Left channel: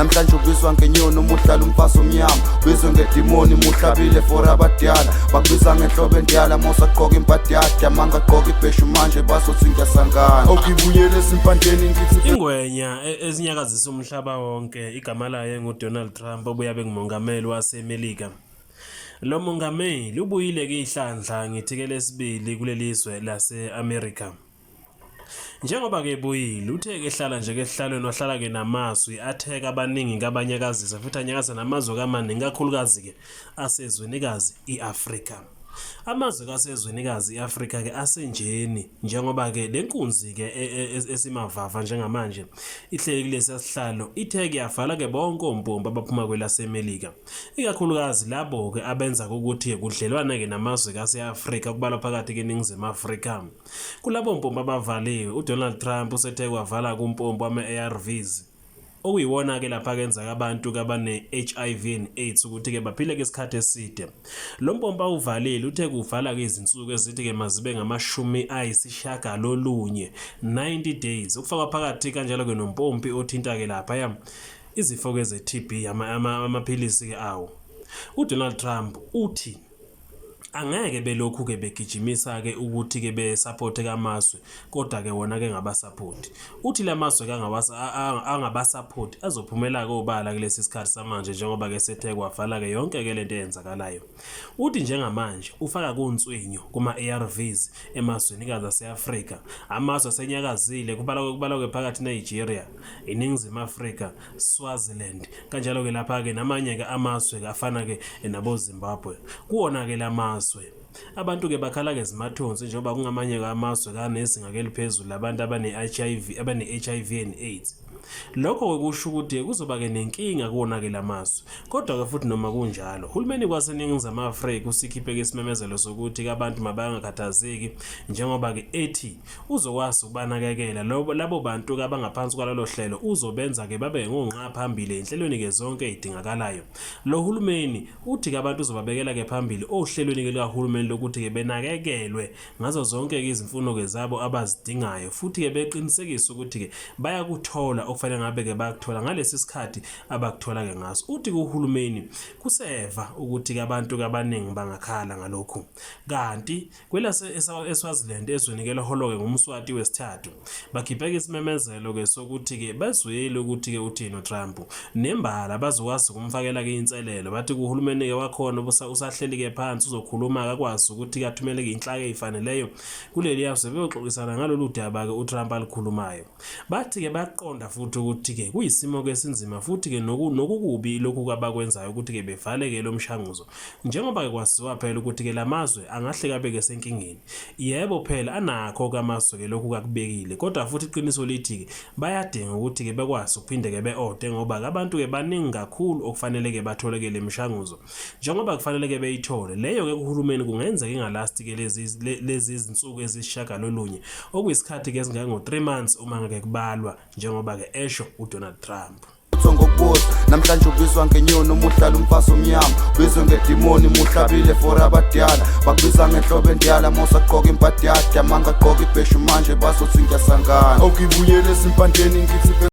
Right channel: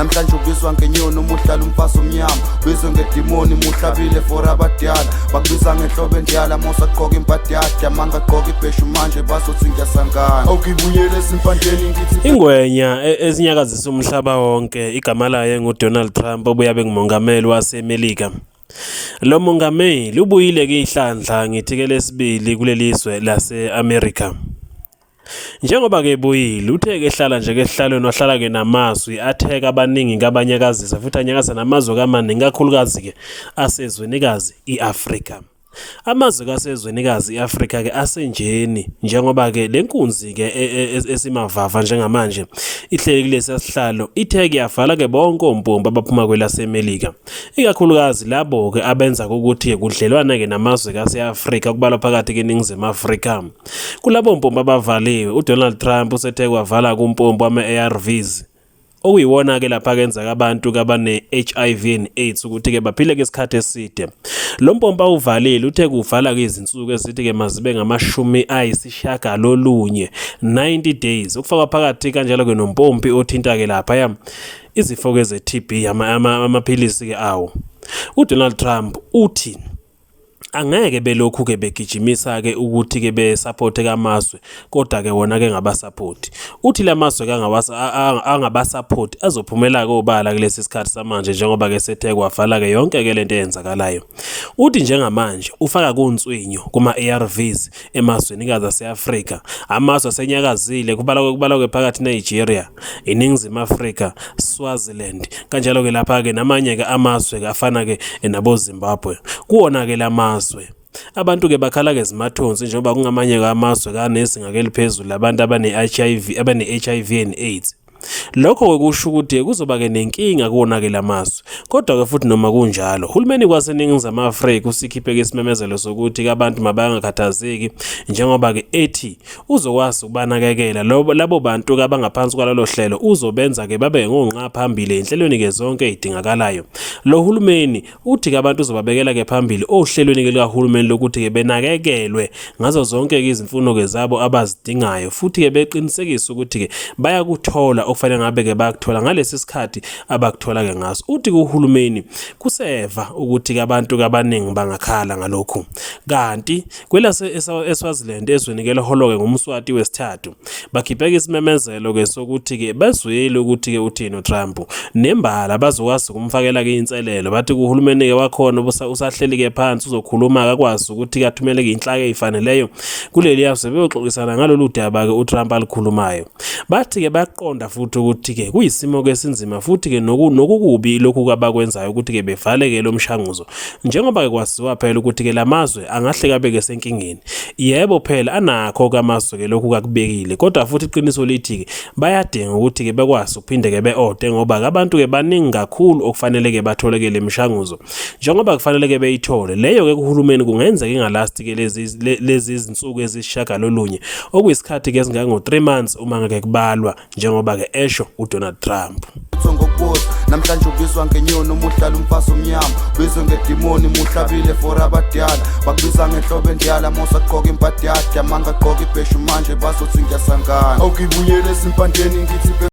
namhlanje ubizwa ngenyoni umuhlala umfazi omnyama ubizwe ngedimoni muhlabile for abadala bakubiza ngenhlobo endiyala mosaqoka impatiyade amanga aqoka ibheshu manje bazothi ngiyasangana okuyibuyela esimpandeni ngithi ingwenya ezinyakazisa umhlaba wonke igama layo nguDonald Trump obuya bengumongameli waseMelika. Lo mongameli ubuyile ke ihlandla ngithike lesibili kulelizwe lase-America. Njengoba ke buyile uthe ke hlala nje ke ehlalweni wahlala ke namazwi atheka abaningi ngabanyakazisa futhi anyakaza namazwe kamaningi kakhulukazi ke asezwenikazi iAfrika. Amazwe kasezwenikazi iAfrika ke asenjeni njengoba ke lenkunzi ke esimavava njengamanje ihleli kulesi sihlalo ithe ke yavala ke bonke ompompi abaphuma kwelaseMelika ikakhulukazi labo ke abenza ukuthi kudlelwana ke namazwe kaseAfrika kubalwa phakathi ke eNingizimu Afrika. Kulabo mpompi abavaliwe uDonald Trump usethe kwavala kumpompi wama-ARVs okuyiwona ke lapha kenzeka abantu kabane HIV and AIDS ukuthi ke baphile ke isikhathi eside. Lo mpompa uvalile uthe kuvala ke izinsuku ezithi ke mazibe ngamashumi ayisishagalolunye 90 days ukufaka phakathi kanjalo ke nompompi othinta ke lapha izifo ke ze-TB amaphilisi ke awo. uDonald Trump uthi angeke belokhu ke begijimisa ke ukuthi ke besupport kamazwe kodwa ke wona ke ngabasupport. Uthi lamazwe ke angabasupport azophumela ke obala kulesi sikhathi samanje njengoba ke sethe kwavala ke yonke ke lento eyenzakalayo. Uthi njengamanje ufaka kuntswinyo kuma-ARVs emazweni kaza aseAfrika. Amazwe asenyakazile kubalwa ke phakathi Nigeria, iNingizimu Afrika, Swaziland kanjalo ke lapha ke namanye ke amazwe ke afana ke nabo Zimbabwe. Kuona ke lamazwe abantu ke bakhala ke zimathonsi njengoba kungamanye amazwe kanezinga ke liphezulu abantu abane-HIV and AIDS. Lokho kusho ukuthi kuzoba ke nenkinga kuona ke lamazwe. Kodwa ke futhi noma kunjalo uhulumeni kwaseNingizimu Afrika usikhiphe ke isimemezelo sokuthi ke abantu mabangakhathazeki njengoba ke ethi uzokwazi ukubanakekela labo bantu ke abangaphansi kwalelo hlelo uzobenza ke babe ngonqa phambili enhlelweni ke zonke ezidingakalayo. Lo hulumeni uthi ke abantu uzobabekela ke phambili ohlelweni ke likahulumeni lokuthi ke benakekelwe ngazo zonke izimfuno ke zabo abazidingayo futhi ke beqinisekisa ukuthi ke bayakuthola okufanele ngabe ke bakuthola ngalesi sikhathi abakuthola ke ngaso. Uthi kuhulumeni kuseva ukuthi ke abantu kabaningi bangakhala ngalokho. Kanti kwelase eSwaziland ezwenikele holo ke ngomswati wesithathu bakhiphe isimemezelo ke sokuthi ke bezwele ukuthi ke uthini uTrump nembala bazokwazi ukumfakela ke inselelo. Bathi kuhulumeni ke wakhona usahleli ke phansi uzokhuluma akakwazi ukuthi kathumele ke inhlaka ezifaneleyo kuleli yazwe beyoxoxisana ngalolu daba ke uTrump alikhulumayo. Bathi ke baqonda futhi ukuthi ke kuyisimo ke sinzima futhi ke nokukubi lokhu abakwenzayo ukuthi ke bevale ke lo mshanguzo njengoba ke kwaziwa phela ukuthi ke lamazwe angahle kabe ke senkingeni. Yebo phela anakho kamazwe ke lokhu kakubekile kodwa futhi iqiniso lithi ke bayadinga ukuthi ke bekwazi ukuphinde ke beode ngoba abantu ke baningi kakhulu okufanele ke bathole ke lemishanguzo njengoba kufanele ke beyithole. Leyo ke kuhulumeni kungenzeka ingalasti ke lezi izinsuku ezishagalolunye okuyisikhathi ke singango 3 months uma ngeke kubalwa njengoba ke esho uDonald Trump. Namhlanje ubizwa ngenyoni umuhlala umfazi omnyama ubizwe ngedimoni muhlabile for abadala bakubiza ngenhlobo endiyala mosaqoka impatiyade amanga aqoka ibheshu manje bazothi ngiyasangana okuyibuyela esimpandeni ngithi